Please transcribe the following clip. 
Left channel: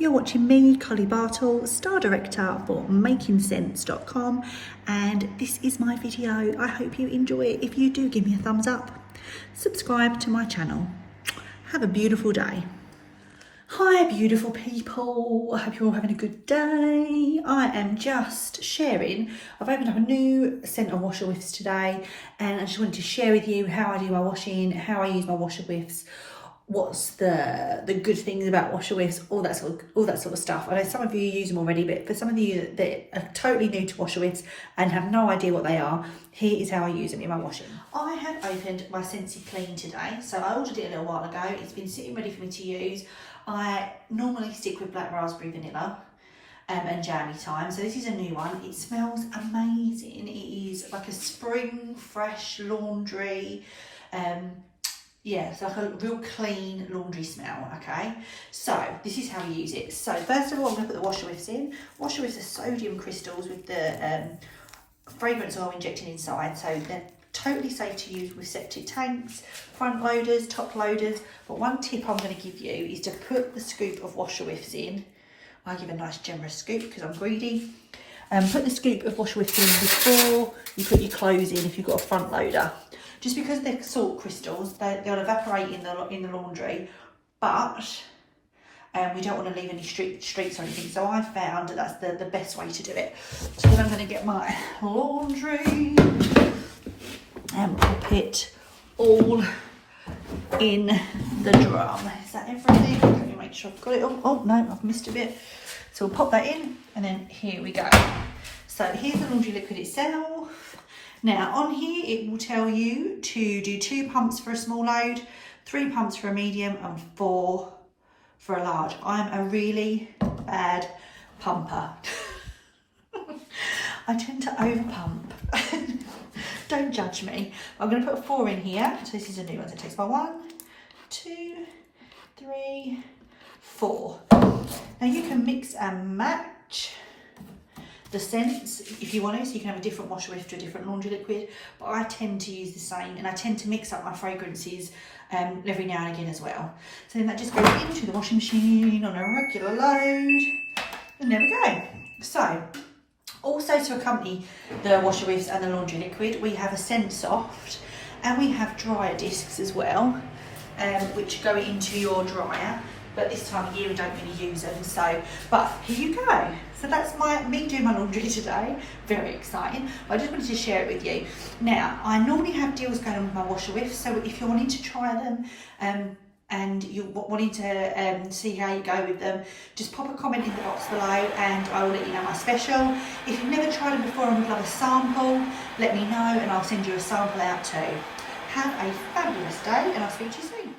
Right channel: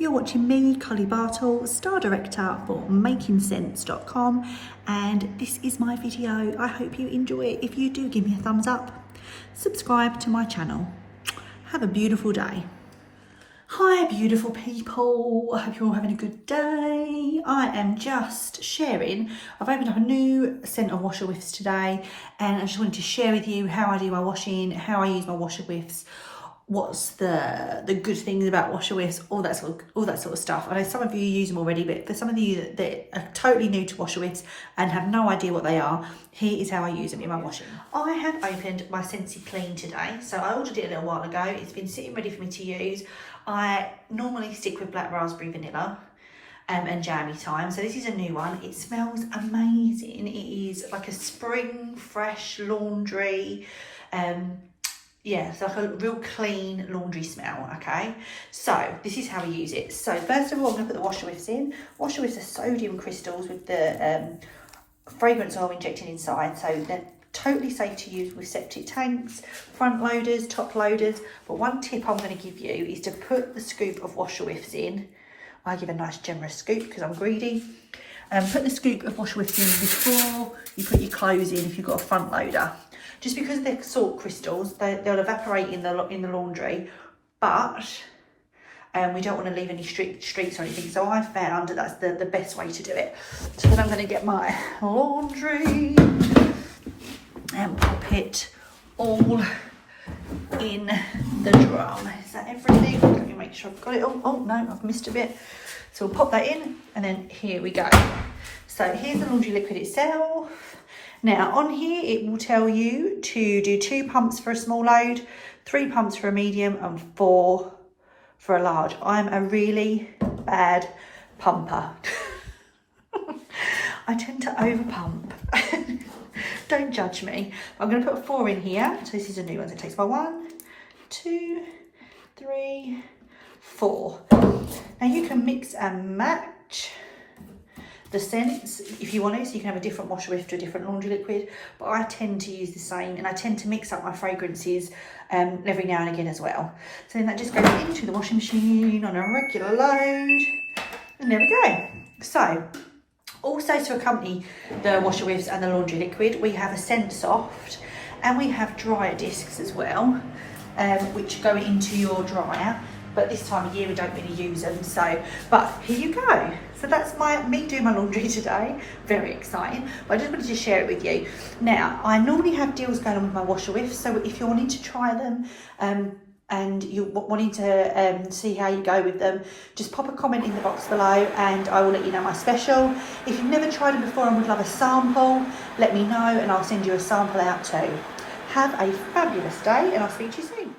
You're watching me, Collie Bartle, Star Director for MakingSense.com, and this is my video. I hope you enjoy it. If you do, give me a thumbs up, subscribe to my channel. Have a beautiful day. Hi beautiful people, I hope you're all having a good day. I am just sharing, I've opened up a new scent of washer whiffs today, and I just wanted to share with you how I do my washing, how I use my washer whiffs, what's the good things about washer whiffs, all that sort of stuff. I know some of you use them already, but for some of you that are totally new to washer whiffs and have no idea what they are, here is how I use them in my washing. I have opened my Scentsy Clean today, so I ordered it a little while ago. It's been sitting ready for me to use. I normally stick with black raspberry vanilla and jammy time, so this is a new one. It smells amazing. It is like a spring fresh laundry, yeah, it's like a real clean laundry smell. Okay, so this is how we use it. So first of all, I'm going to put the washer whiffs in. Washer whiffs are sodium crystals with the fragrance oil injected inside, so they're totally safe to use with septic tanks, front loaders, top loaders. But one tip I'm going to give you is to put the scoop of washer whiffs in. I give a nice generous scoop because I'm greedy. Put the scoop of washer whiffs in before you put your clothes in if you've got a front loader. Just because they're salt crystals, they'll evaporate in the laundry, but we don't want to leave any streaks or anything. So I found that that's the best way to do it. So then I'm going to get my laundry and pop it all in the drum. Is that everything? Let me make sure I've got it all. Oh no, I've missed a bit. So we'll pop that in, and then here we go. So here's the laundry liquid itself. Now on here it will tell you to do 2 pumps for a small load, 3 pumps for a medium, and 4 for a large. I'm a really bad pumper. I tend to over pump. Don't judge me. I'm going to put 4 in here. So this is a new one. So it takes by 1, 2, 3, 4. Now you can mix and match the scents if you want to, so you can have a different washer whiff to a different laundry liquid, but I tend to use the same, and I tend to mix up my fragrances every now and again as well. So then that just goes into the washing machine on a regular load, and there we go. So also to accompany the washer whiffs and the laundry liquid, we have a scent soft, and we have dryer discs as well, which go into your dryer. But this time of year we don't really use them, so, but here you go. So that's me doing my laundry today. Very exciting, but I just wanted to share it with you. Now, I normally have deals going on with my washer whiffs, so if you're wanting to try them and you're wanting to see how you go with them, just pop a comment in the box below and I will let you know my special. If you've never tried them before and would love a sample, let me know and I'll send you a sample out too. Have a fabulous day and I'll speak to you soon.